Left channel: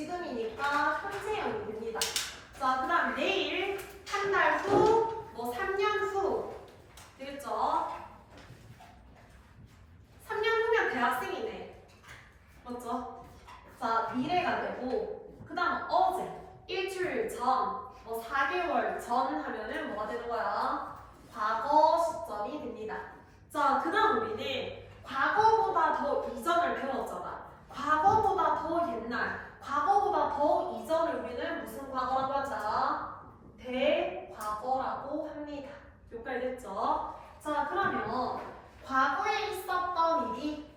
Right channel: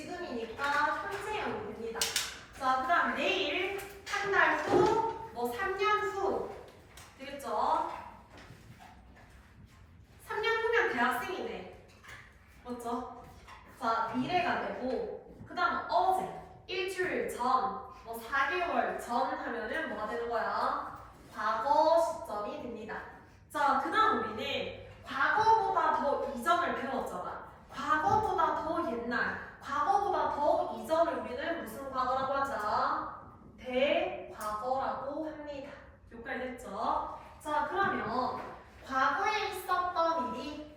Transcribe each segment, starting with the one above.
지금이니까 현재형이 됩니다. 자, 그 다음 내일, 한 달 후, 뭐 3년 후 되겠죠? 3년 후면 대학생이네. 맞죠? 자, 미래가 되고 그 다음 어제, 일주일 전, 뭐 4개월 전 하면은 뭐가 되는 거야? 과거 시점이 됩니다. 자, 그 다음 우리는 과거보다 더 이전을 배웠잖아. 과거보다 더 옛날, 과거보다 더 이전을 우리는 무슨 과거라고 하자? 대과거라고 합니다. 여기까지 됐죠? 자, 그러면 과거에 있었던 일이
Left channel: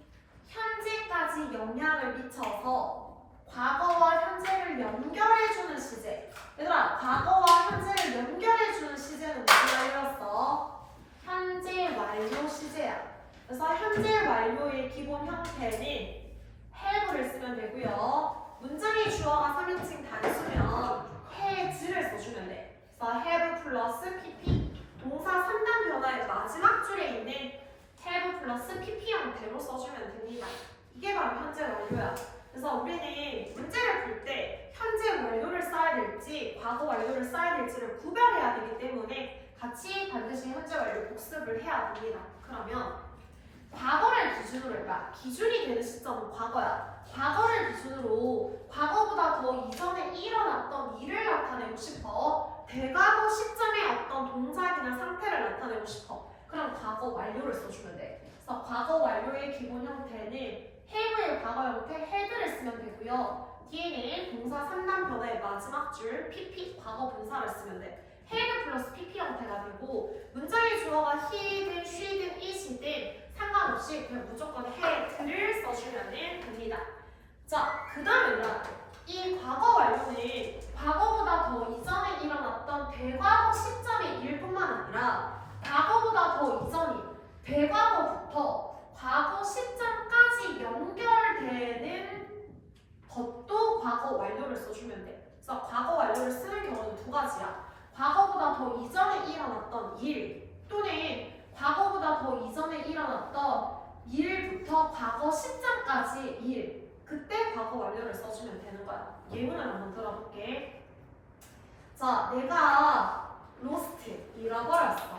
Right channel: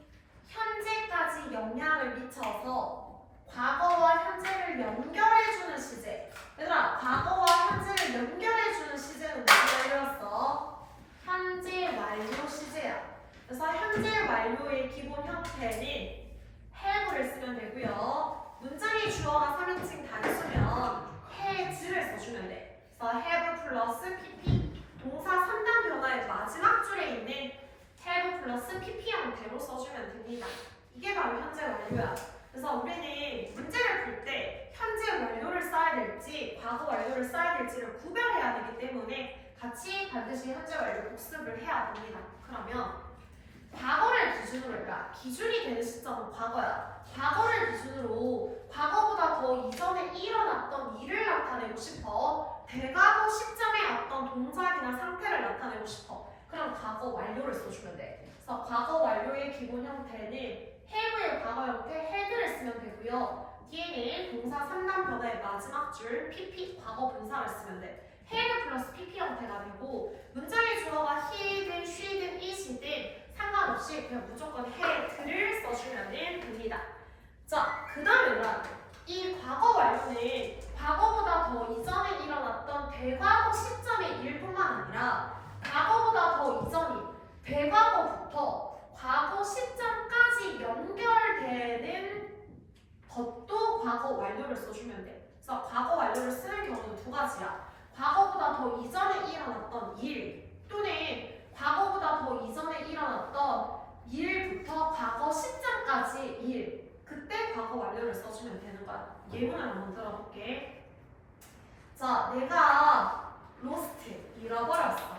현재까지 영향을 미쳐서 과거와 현재를 연결해주는 시제. 얘들아, 과거와 현재를 연결해주는 시제는 무슨 완료였어? 현재 완료 시제야. 그래서 현재 완료의 기본 형태는 have를 쓰면 되고요. 문장의 주어가 3인칭 단수면 has를 써주면 돼. 그래서 have 플러스 pp 동사 3단 변화의 마지막 줄에 있는 have 플러스 pp 형태로 써주면 됩니다. 이게 바로 현재 완료야. 그래서 우리는 문제를 풀 때 현재 완료를 써야 될지 과거 완료를 써야 될지를 구별해야 되기 때문에 같이 반드시 현재 완료 복습을 해야 됩니다. 그러면 과거를 기준으로 해봐. 기준이 되는 시점은 과거야. 과거를 기준으로 과거보다 더 이전에 일어났던 일을 나타내고 싶어. 대과거 시점의 어떤 동작이나 상태를 나타내고 싶어. 그럼 과거 완료를 써주면 돼. 그래서 과거 완료의 기본 형태는 have의 과거 형태 had를 쓰면 되고요. 뒤에는 동사 3단 변화의 마지막 줄 pp 과거 분사를 쓰면 돼. have 플러스 pp 형태가 되고 문장의 주어가 he든 she든 it이든 상관없이 그냥 무조건 had를 써주면 됩니다. 자, 그 다음에 이 과거 완료는 과거보다 더 이전에 일어났던 대과거 시점의 일뿐만 아니라 과거보다 더 이전이 대과거부터 과거 시점까지 연결되는 것도 과거 완료를 써주면 돼. 그래서 과거 완료를 쓰는 경우는 두 가지야. 과거보다 더 이전에 일어났던 일 또는 과거보다 더 이전에 일어났던 일부터 과거 시점까지 일 그때 과거 완료를 써주면 되는 거야. 예문을 한번 들어볼게. 자, 내가 lost 잃어버렸어.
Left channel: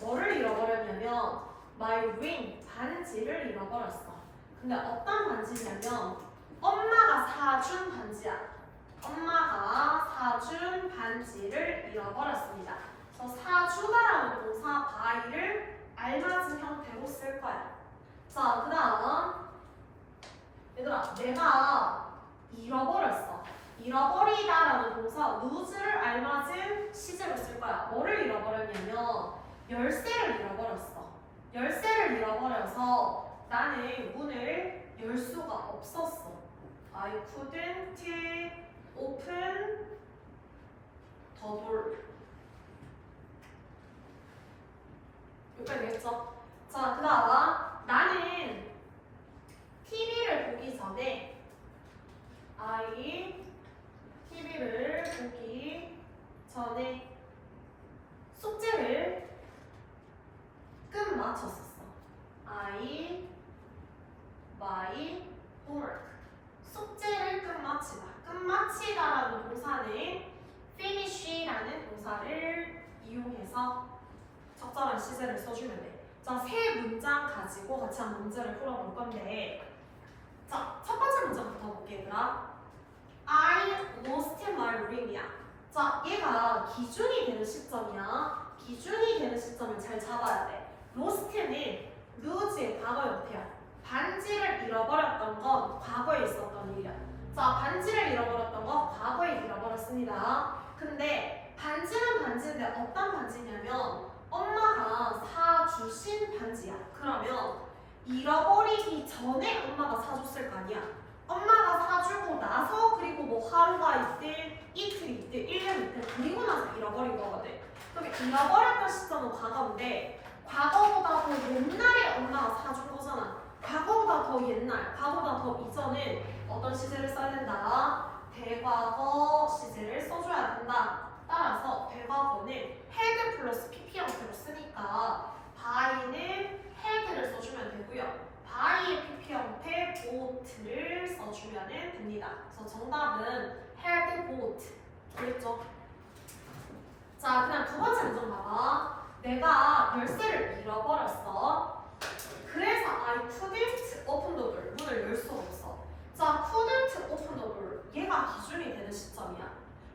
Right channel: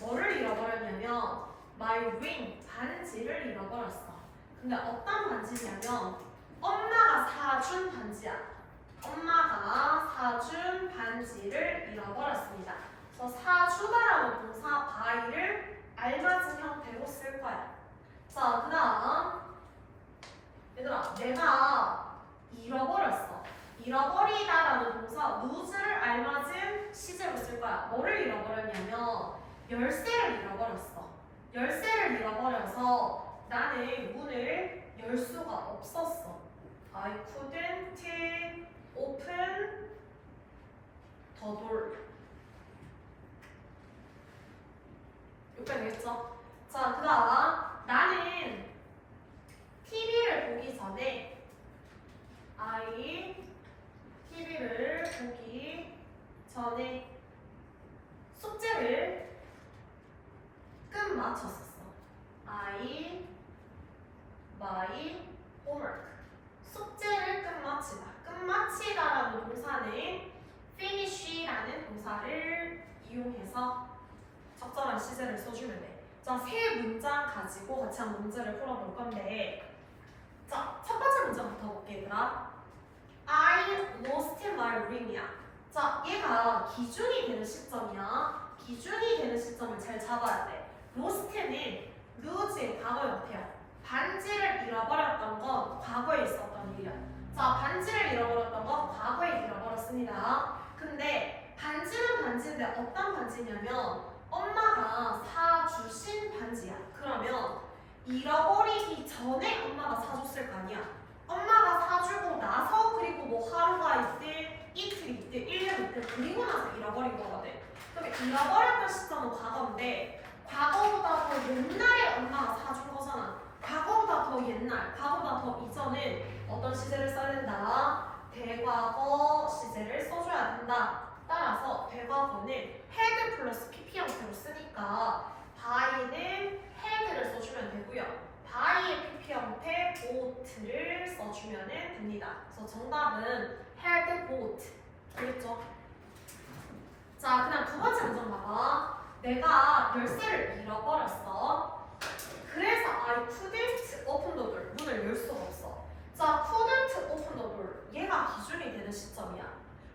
뭐를 잃어버렸냐면 my ring 반지를 잃어버렸어. 근데 어떤 반지냐면 엄마가 사준 반지야. 엄마가 사준 반지를 잃어버렸습니다. 그래서 사주다라는 동사 by를 알맞은 형태로 쓸 거야. 자, 그 다음 얘들아, 내가 잃어버렸어. 잃어버리다라는 동사 lose를 알맞은 시제로 쓸 거야. 뭐를 잃어버렸냐면 열쇠를 잃어버렸어. 열쇠를 잃어버려서 나는 문을 열 수가 없었어. I couldn't open the door. 여기까지 되겠죠? 자, 그 다음 나는 TV를 보기 전에 TV를 보기 전에 숙제를 끝마쳤었어. my homework. 숙제를 끝마치다. 끝마치다라는 동사는 finish라는 동사를 이용해서 적절한 시제를 써주면 돼. 자, 세 문장 가지고 같이 한 문제를 풀어볼 건데, 자, 첫 번째 문장부터 볼게, 얘들아. I lost my ring이야. 자, 얘가 기준이 되는 시점이야. 기준이 되는 시점을 잘 잡아야 돼. lost는 lose의 과거 형태야. 반지를 잃어버렸던 건 과거에 있었던 일이야. 자, 반지를 잃어버렸던 건 과거에 잃어버렸습니다. 근데 반지는 반지인데 어떤 반지냐면 엄마가 사주신 반지야. 그러면 잃어버리기 전에 엄마가 사줬을 거 아니야. 엄마가 사주고 나서 그리고 뭐 하루가 있든 이틀이 있든 1년 있든 그리고 나서 잃어버린 거거든. 그럼 잃어버렸던 시점은 과거인데 과거보다 더 옛날에 엄마가 사준 거잖아. 과거보다 더 옛날, 과거보다 더 이전은 어떤 시제를 써야 된다? 대과거 시제를 써줘야 된다. 따라서 대과거는 had 플러스 pp 형태로 쓰니까 by는 had를 써주면 되고요. by의 pp 형태 bought를 써주면 됩니다. 됩니다. 그래서 정답은 had bought. 되겠죠? 자, 그다음 두 번째 문제 봐봐. 내가 열쇠를 잃어버렸어. 그래서 I couldn't open the door. 문을 열 수가 없어. 자, couldn't open the door. 얘가 기준이 되는 시점이야.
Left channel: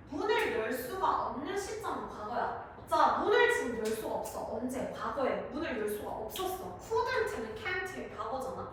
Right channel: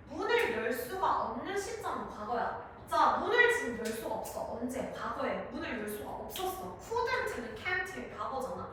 문을 열 수가 없는 시점은 과거야. 자, 문을 지금 열 수가 없어. 언제? 과거에 문을 열 수가 없었어. couldn't는 can't의 과거잖아.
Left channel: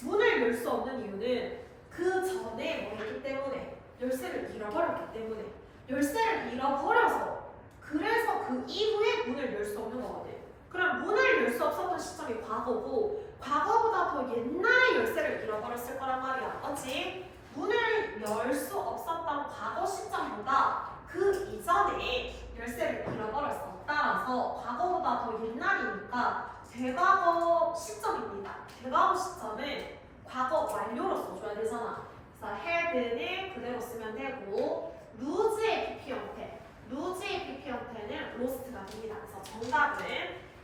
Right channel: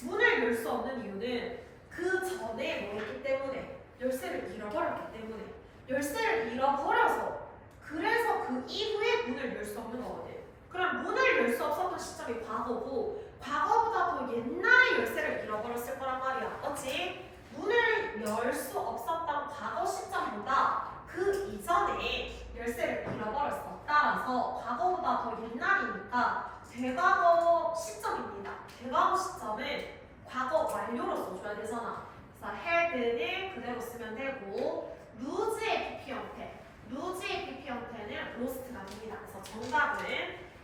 문을 열 수 없는 이유는 그 전에 뭐 했기 때문에 열쇠를 잃어버렸기 때문에 열쇠를 잃어버려서 그래서 그 이후에 문을 열 수 없는 거거든. 그럼 문을 열 수 없었던 시점이 과거고 과거보다 더 옛날에 열쇠를 잃어버렸을 거란 말이야. 맞지? 문을 열 수 없었던 과거 시점보다 그 이전에 열쇠를 잃어버렸어. 따라서 과거보다 더 옛날이니까 대과거 시점입니다. 대과거 시점은 과거 완료로 써줘야 되잖아. 그래서 had는 그대로 쓰면 되고 lose의 PP 형태, lose의 PP 형태는 lost가 됩니다. 그래서 정답은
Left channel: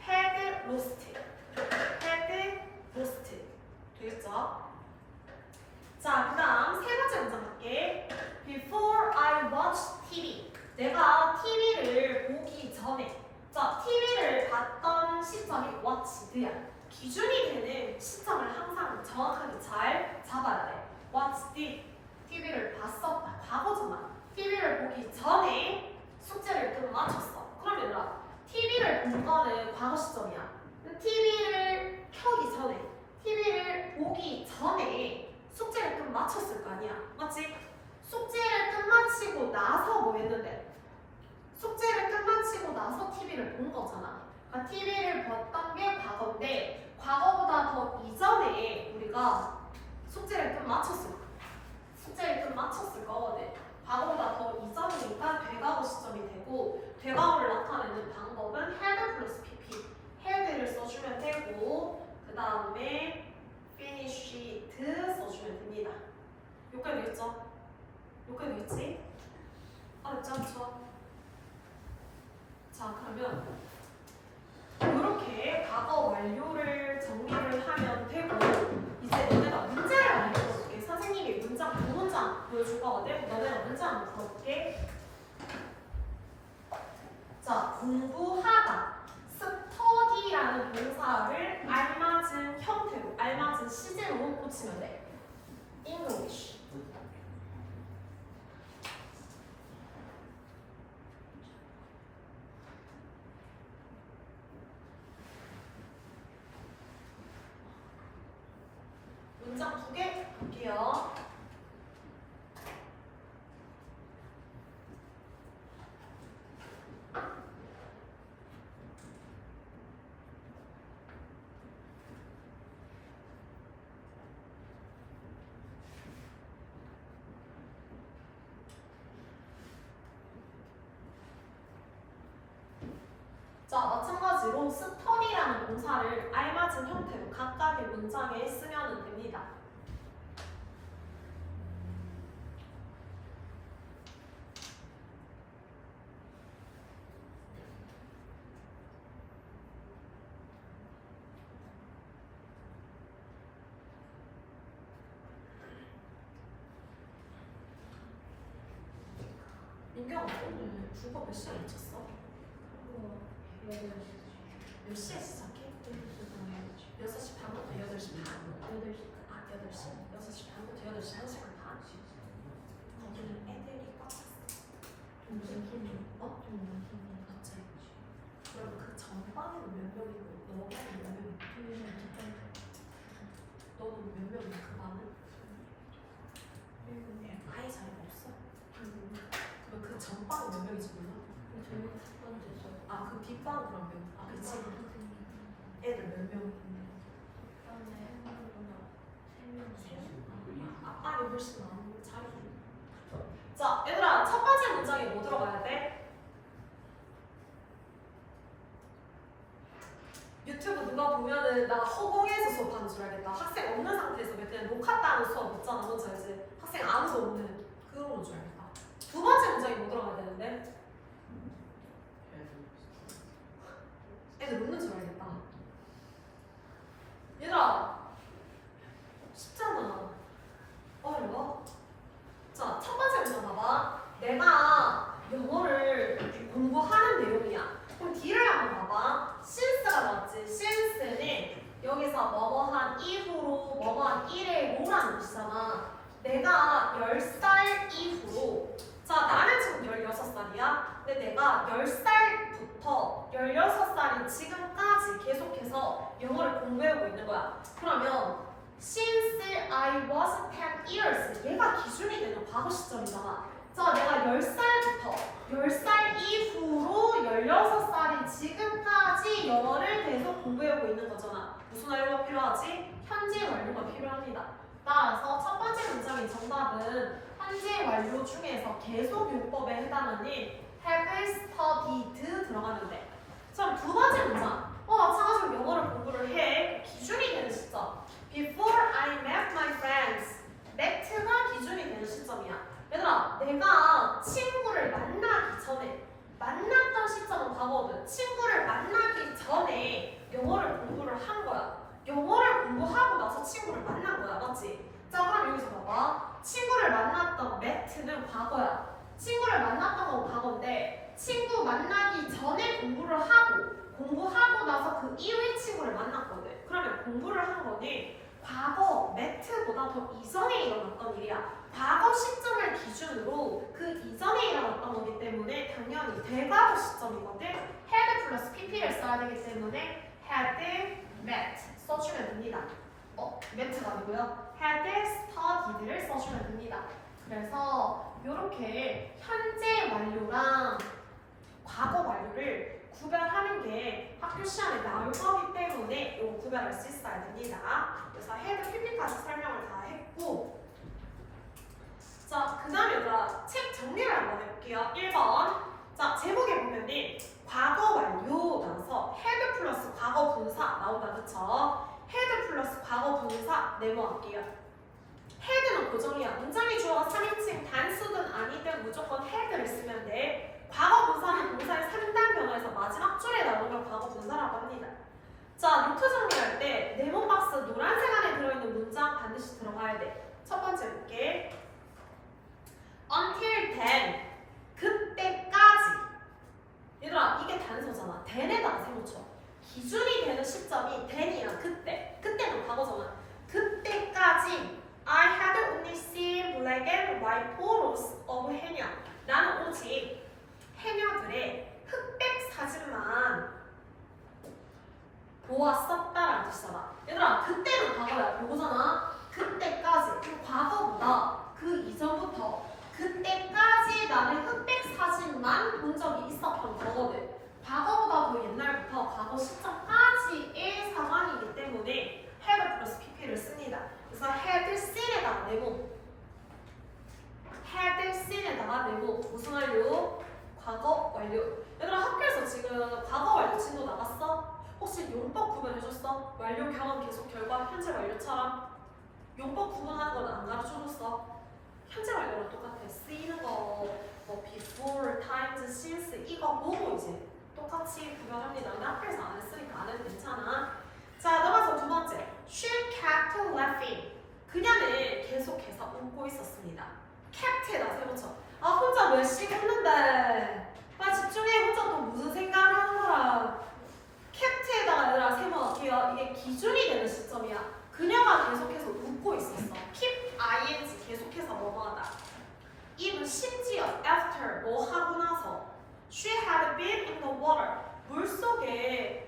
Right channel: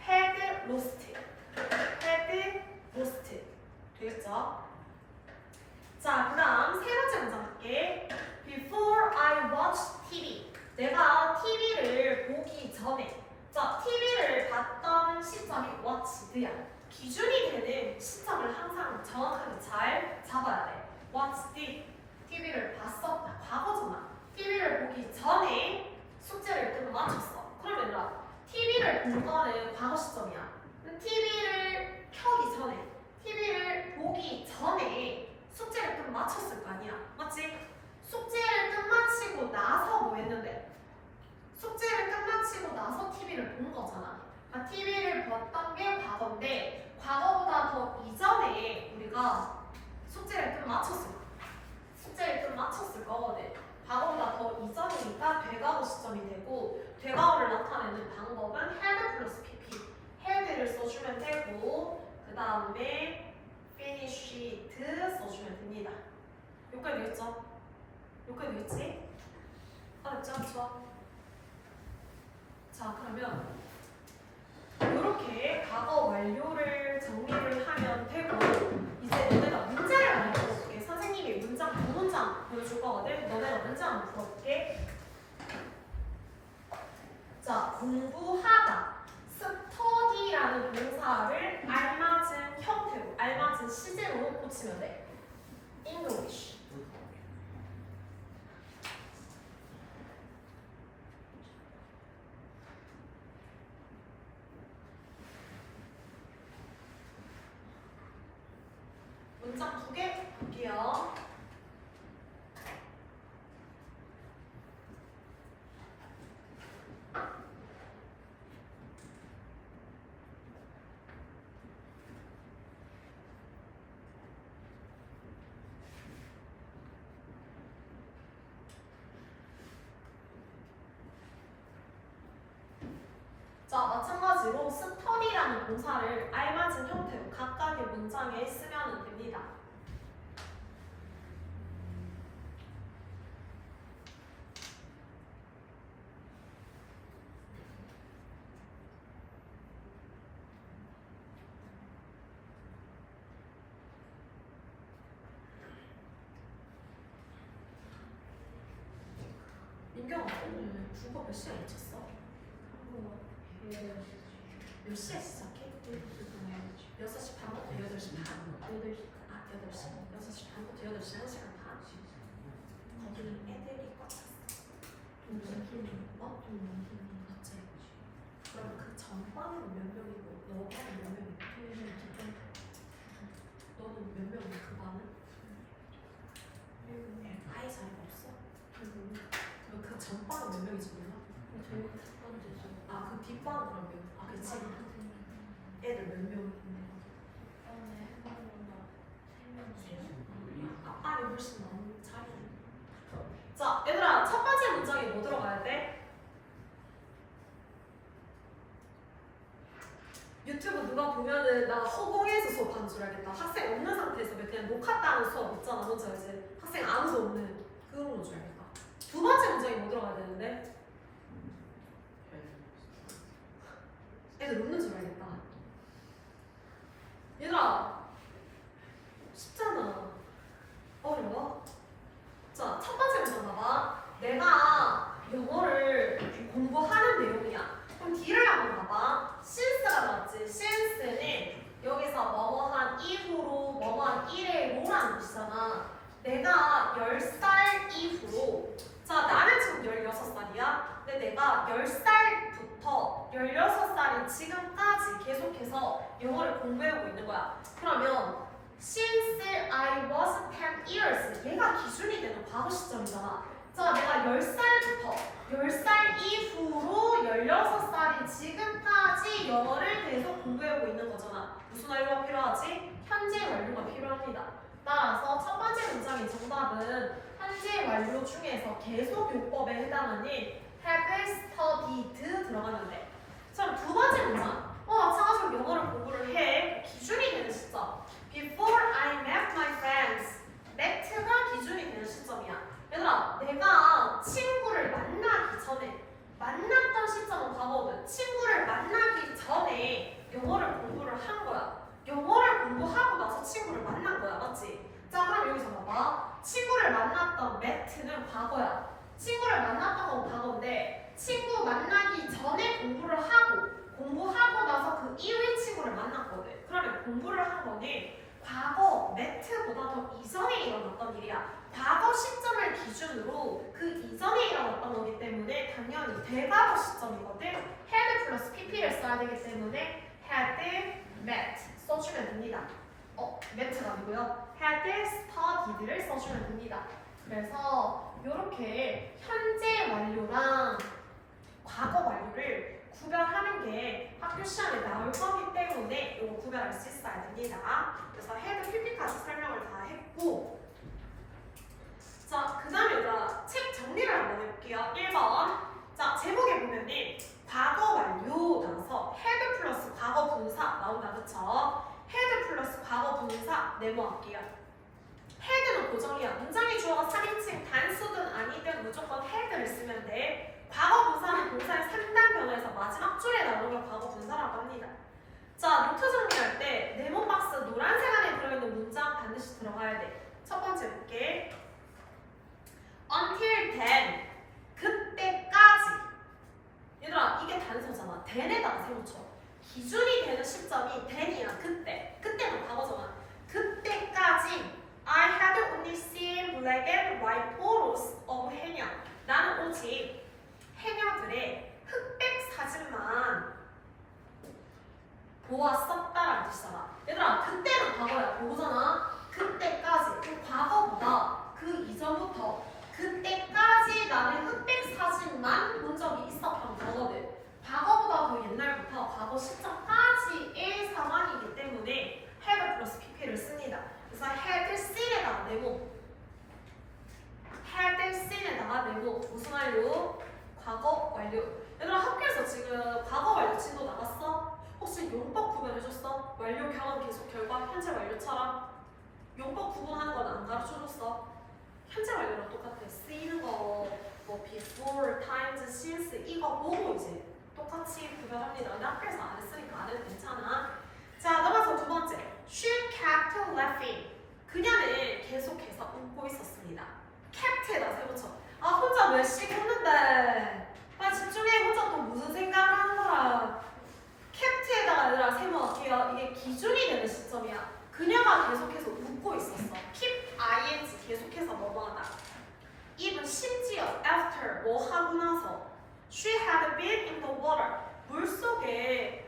had lost, had lost 되겠죠? 자, 그 다음 세 번째 문장 볼게. Before I watched TV. 내가 TV를 보기 전에. 자, TV를 봤던 시점이 watched야. 기준이 되는 시점을 항상 정확하게 잘 잡아야 돼. watched. TV를 봤었다. 과거잖아. TV를 보기 전에 숙제를 끝마쳤어. 그러면 얘들아, TV를 본 거는 과거 시점이야. TV를 켜기 전에, TV를 보기 전에 숙제를 끝마쳤을 거 아니야. 맞지? 숙제를 끝마치고 나서 뭐 했는데? 숙제를 끝마치고 나서 TV를 본 거잖아. 그러니까 TV를 봤던 게 과거인데 과거보다 더 이전에 우리가 숙제를 끝마쳤을 거야. 숙제를 끝마쳤을 거거든. 과거보다 더 이전이니까 되과거 시점이 되고 되과거를 나타내는 방법은 had 플러스 pp. had를 써주면 되고 그 다음에 finished 써주면 됩니다. 여기까지 되겠죠? 여기까지 되겠지? 알았죠? 좋아. 자, 그러면 이렇게 과거 완료를 정리를 하면 되고 이제 너네가 문제를 한번 풀어볼게. 선생님이 문장 두 문장 보여줄 거거든. 너네가 문제 한번 풀어볼게. 자, 공부하다. study라는 동사를 알맞은 형태로, 알맞은 시제로 고치면 돼. English. 문장 두 개 볼게요. 자, 마찬가지로 study라는 동사를 알맞은 형태로 각각의 문장에 쓰면 됩니다. 민경아, 오늘 국어 몇 시에 마쳤어? 몇 시에 시작해? 6시 반부터 8시 반. 8시. 아, 8시? 6시 반부터 8시 1시간 반. 거기는 애들이 꽉 찼어. 무슨 팀이? 어? 그치. 그럼 그 전반에는 몇 명이고 너반은 몇 명이고? 너는 몇 명이야 그 반은? 아예 자리가 없어? 그럼 그 전반은 몇 명이지 몰라? 아, 그 뒷반 그러면? 아, 그치. 애들 몇 명인데? 아니 훨씬 많은 자리. 자, 얘들아, 첫 번째 문장에 뭐 들어가야 돼? 유튜브 누가 보면은 나 허공에서 수업하는 줄 알겠다. 학생 없는 상태에서 그냥 녹화 따는 수업 있잖아. 뭔지 알지? 학생 아무도 없는 그런 줄 알겠다. 두 번째 문장에 뭐 들어가야 되는데? 애들 웃는 줄 알겠다. 얘들아, 쉽잖아. 어려워? 뜻이잖아. 내가 10살 이후로 자 나는 지금 16살이야. 근데 내가 10살부터 16살인 지금까지 계속해서 영어를 공부해오고 있는 거야. 그러면 since I was 10 years 얘가 기준이 되는 과거 시점이잖아. 자 내가 10살부터 10살 이후로 16살인 지금까지 영어를 계속 공부해오고 있는 거잖아. 무슨 완료가 필요하지? 현재 완료가 필요합니다. 따라서 첫 번째 문장의 정답은 현재 완료 중에서 계속 요법에 해당하는 have studied 들어가면 돼. 자, 두 번째 문장. 마찬가지로 영어를 공부를 해. 기준이 되는 시점. Before I met my friends. met가 기준이 되는 시점이야. 얘들아, 내가 친구를 만나기 전에 만났던 시점은 과거거든. 친구를 만나기 전에 영어를 공부를 한 거야. 영어를 공부하고 나서 친구를 만난 거야. 맞지? 자, 그럼 여기서 봐봐. 친구를 만났던 met는 과거야. 친구를 만났던 건 과거인데 친구 만나기 전에 공부를 하고 공부하고 나서 그 이후에 친구를 만났거든. 그러면 공부를 한 거는 과거 met보다 더 이전에 일어났던 일이야. 과거 시점을 기준으로 그 이전에 일어났던 거기 때문에 당연히 대과거 시점이거든. had 플러스 pp를 써야 되기 때문에 had met 써주면 됩니다. met가 아니고요. had studied를 써주면 됩니다. 그래서 이렇게 현재 완료랑 과거 완료를 구별하는 게 학교 시험에 나올 거기 때문에 이거 구별할 수 있어야 됩니다. 그래서 had pp까지 설명을 다 했고, 자, 그 다음에 얘들아 책 정리를 한번 해볼게요. 1번. 자, 제목에 보면은 과거 완료 나서 had 플러스 과거 분사 나온다. 그쵸? had 플러스 과거 분사 네모할게요. had는 고정이야. 문장의 주어가 3인칭 단수든 아니든 무조건 had를 쓰면 돼. 과거 분사는 동사의 3단 변화에서 마지막 줄에 나오는 걸 과거 분사라고 합니다. 자, 노트 정리할 때 네모 박스 노란색 안에 들어있는 문장 반드시 들어가야 돼. 첫 번째 볼게. Until then. 그때까지. 얘들아, 이게 단서잖아. then에다가 세모 쳐. 기준이 되는 시점이 then이야. 그때. 그때는 과거잖아. 그때까지 I had only seen black and white photos of 해녀. 나는 오직 해녀들의 흑백 사진만 보았었다라는 뜻이잖아. 얘들아, 그때는 과거야. 보고잖아. 그때까지. 그 과거보다 그 이전부터 그때까지 나는 흑백 사진만 본 적이 있었던 거거든. 과거보다 더 옛날부터 과거 시점까지의 상황이기 때문에 had 플러스 pp를 씁니다. 그래서 had seen에다가 네모, had seen에다가 네모. 무슨 완료? 과거 완료. 얘들아, 학교에서 지금 과거 완료 진도 나갔어? 혹시 용법 구분해줬어? 완료 경험 계속 결과 현재 완료처럼 용법 구분하는 건 안 가르쳐줬어? 현재 완료랑 똑같아. 쓰이는 거, 뭐 before, times, since 이거 보고 이제 똑같이 구별합니다. 근데 학교에서 안 했으니까 안 해도 괜찮아. 자, 넘어서 두 번째. She kept laughing. 그녀는 계속해서 웃고 있었습니다. 캡트에다 세워쳐. 혼자 몇씩 했는데 집중해. 혼자 또 무슨 생각을 하는 거라. 캡트에다가 얘들아 세워놓을게요. 이게 기준이 되는 시점이야. 그녀가 계속해서 웃고 있었어. keep ing 계속해서 뭐뭐하다. even 심지어 after 뭐 하고 나서 she had been in the water 물속에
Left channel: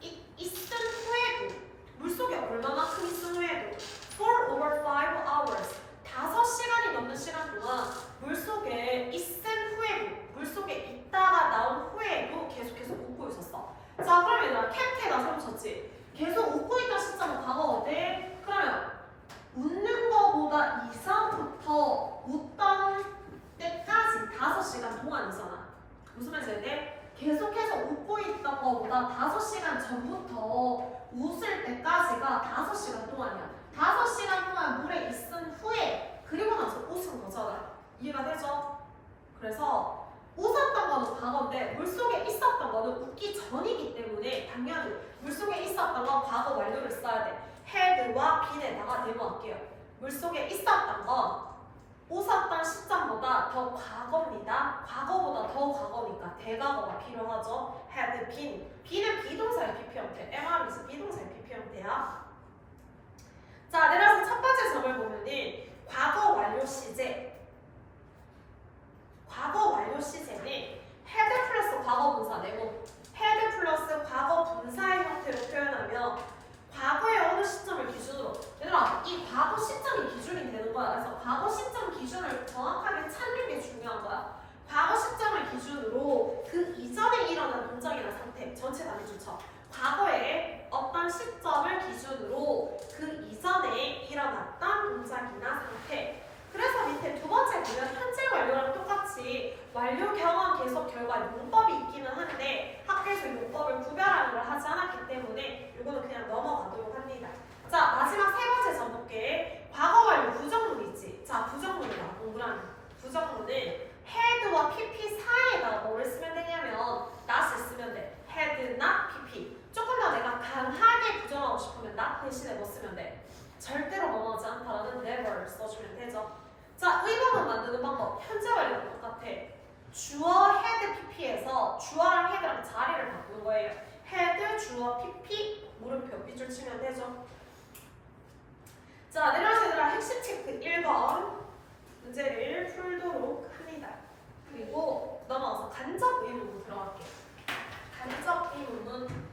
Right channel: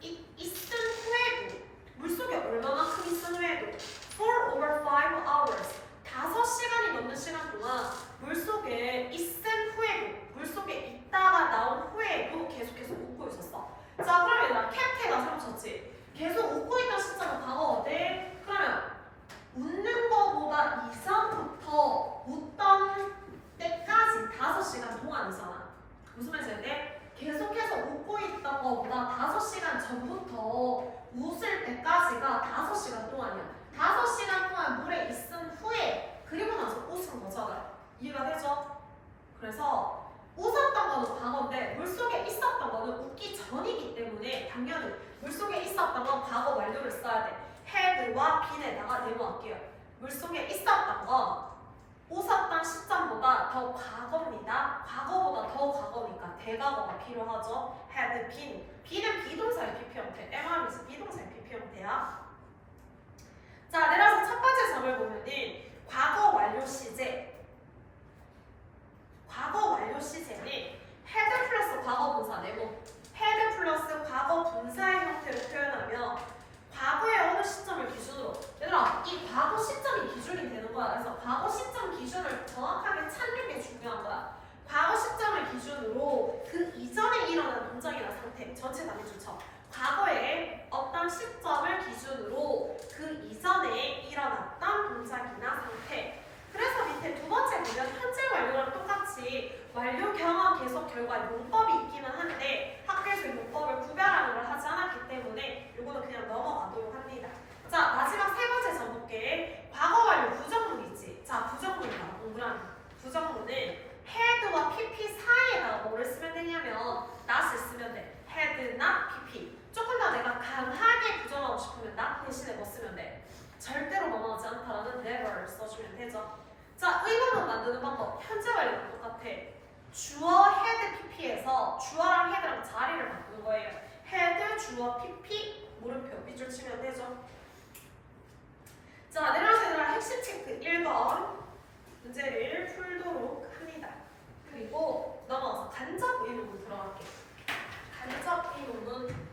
있은 후에도 물속에 얼마만큼 있은 후에도 for over 5 hours 5시간이 넘는 시간 동안 물속에 있은 후에도 물속에 있다가 나온 후에도 계속해서 웃고 있었어. 자, 그러면 얘들아 캡트에다 세워쳤지. 계속 웃고 있던 시점은 과거거든. 그러면 웃는 거보다 이전부터 웃던 때까지 5시간 동안이잖아. 무슨 말인지 돼? 계속해서 웃고 있던 거보다 5시간 전부터 웃을 때까지가 5시간 동안이야. 5시간 동안 물에 있은 후에 그리고 나서 웃은 거잖아. 이해가 되죠? 그래서 웃었던 거는 과거인데 물속에 있었던 거는 웃기 전이기 때문에 당연히 물속에 있었던 건 과거 완료를 써야 돼. had와 been에다가 네모할게요. 물속에 있었던 건 웃었던 시점보다 더 과거입니다. 과거보다 더 과거니까 대과거가 필요하죠. had been. be는 비동사의 PP 형태. MR이지 비동사의 PP 형태야. 자, 내려서 첫 번째 점을 걸 보면은 과거 완료 시제. 과거 완료 시제는 had 플러스 과거 분사되고 had 플러스 과거 분사의 형태로 표현하며 과거의 어느 시점을 기준으로 얘들아 이 과거 시점이 기준이 되는 거야. 그래서 과거 시점 기준을 정확하게 찾는 게 중요한 거야. 과거 시점을 기준으로 그 이전에 일어난 동작이나 상태 전체 단위 주쳐 과거의 어떤 시점을 기준으로 그 이전에 일어났던 동작이나 상태. 그래서 밑에 두 번째 보면 현재 완료랑 똑같이 완료 경험 계속 결과 용법이 있기는 한데 학교에서 용법을 구별하는 걸 하지 않았기 때문에 이거는 그냥 넘어가도록 합니다. 자 마지막 세 번째 전복계 과거 완료 부정문 있지. 자 부정문이다 공부라는 부정문은 had와 pp 사이에다가 뭐를 쓰면 되냐면 not을 쓰면 돼. had, not, pp. 조금 더 내가 강하게 부정하고 싶으면 not 대신에 뭐 쓰면 돼? 절대로 넘어가지 않다라는 never 써주면 되죠. 자, 의문문 만드는 방법 현재 완료랑 똑같아. 주어 had, pp에서 주어랑 had랑 자리를 바꾸는 거예요. had, 주어, pp, 물음표 밑줄 치면 되죠. 자, 내려와서 얘들아 핵심 체크 1번 문제를 풀도록 합니다. 그리고 넘어가서 간접 의문문 들어갈게요. 간접 의문문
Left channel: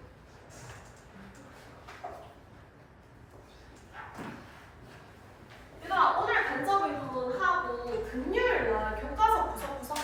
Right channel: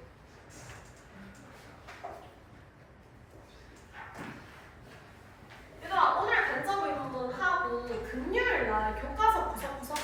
얘들아 오늘 간접 의문문 하고 금요일 날 교과서 구석구석